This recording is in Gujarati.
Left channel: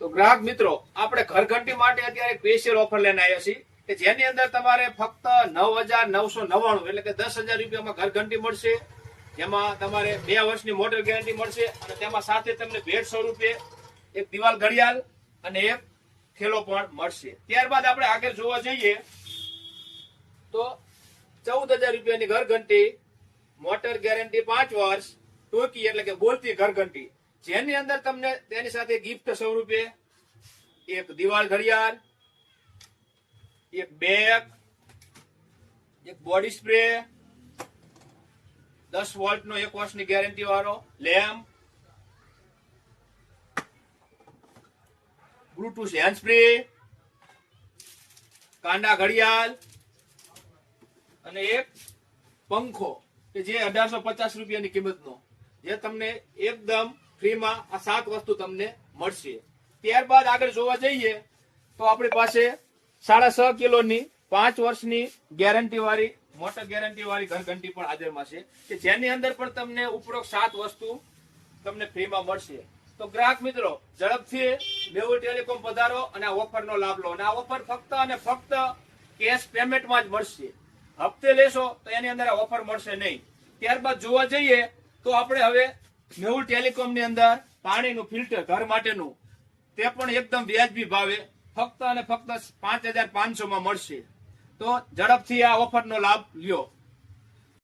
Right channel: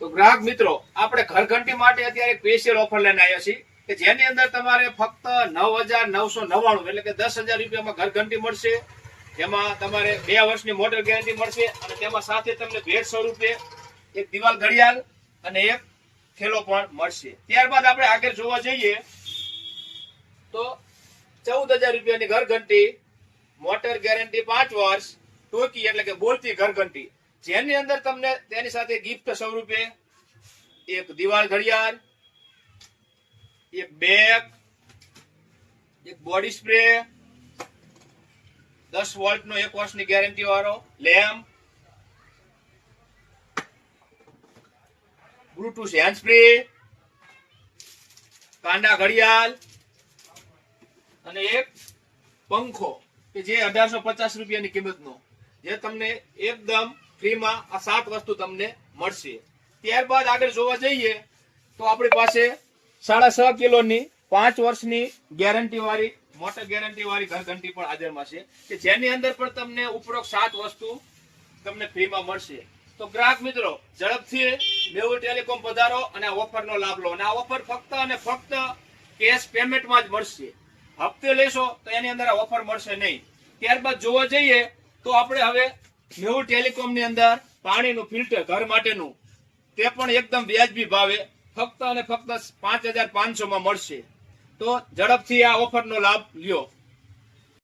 ગ્રાહક મિત્રો, આપણે ઘરઘંટી માટે અત્યારે સ્પેશિયલ ઓફર લઈને આવ્યા છીએ કે જેની અંદર તમારે ફક્ત નવ હજાર નવસો નવ્વાણું એટલે કે દસ હજાર રૂપિયામાં ઘરઘંટી મળશે, જેમાં તમારે બે વર્ષની મોટર ગેરંટી મળશે અને તેમાં સાથે તમને ભેટ સ્વરૂપે એક દિવાલ ઘડિયાળ અને એક થેલો પણ મળશે. ત્યારબાદ આપણે આગળ જોવા જઈએ તો ચૌદ હજાર રૂપિયાની ઘરઘંટી, મોટર ગેરંટી પાંચ વર્ષ, ટોકી એટલે કે બોલતી ઘરઘંટી. જેની અંદર તમને તેની સાથે ગિફ્ટ સ્વરૂપે એક દિવાલ ઘડિયાળ, એક બેગ એક બોડી સ્પ્રે દસ વોલ્ટ નો એક વર્ષની ગેરંટી વાળો લેમ્પ બ્લુટુથ હેન્ડ સ્પ્રે કાંડા ઘડિયાળ અને એક પંખો કે જે અઢારસો પચાસ રૂપિયાની કિંમતનો, જે તમને એકદમ ફ્રીમાં આ સાત વસ્તુ તમને મળશે. ત્યારબાદ આગળ જોવા જઈએ તો આપણી પાસે સાડા છ કિલોની પાંચ વર્ષની ગેરંટી વાળી મોટર ગેરંટી વાળી ઘરઘંટી પણ હાજરમાં છે કે જેની અંદર પણ તમને ઉપરોક્ત સાત વસ્તુ તમને ફ્રીમાં મળશે. તો ગ્રાહક મિત્રો, ઝડપથી મેહુલ ટેલિકોમ પધારો અને આ ઓફરનો લાભ લો. અને આ ઓફર ફક્ત અને ફક્ત કેશ પેમેન્ટમાં જ મળશે. હપ્તે લેશો તો એની અંદર આ ઓફર મળશે નહીં. ત્યારબાદ જોવા જઈએ તો આપણે હવે મેહુલ ટેલિકોમની અંદર પાણીનું ફિલ્ટર ઘર માટેનું, તે પણ એકદમ વ્યાજબી ભાવે, ફક્ત અને ફક્ત પાંચ હજાર પાંચસો માં મળશે. તો ઝડપથી આ ઓફરનો લાભ લ્યો.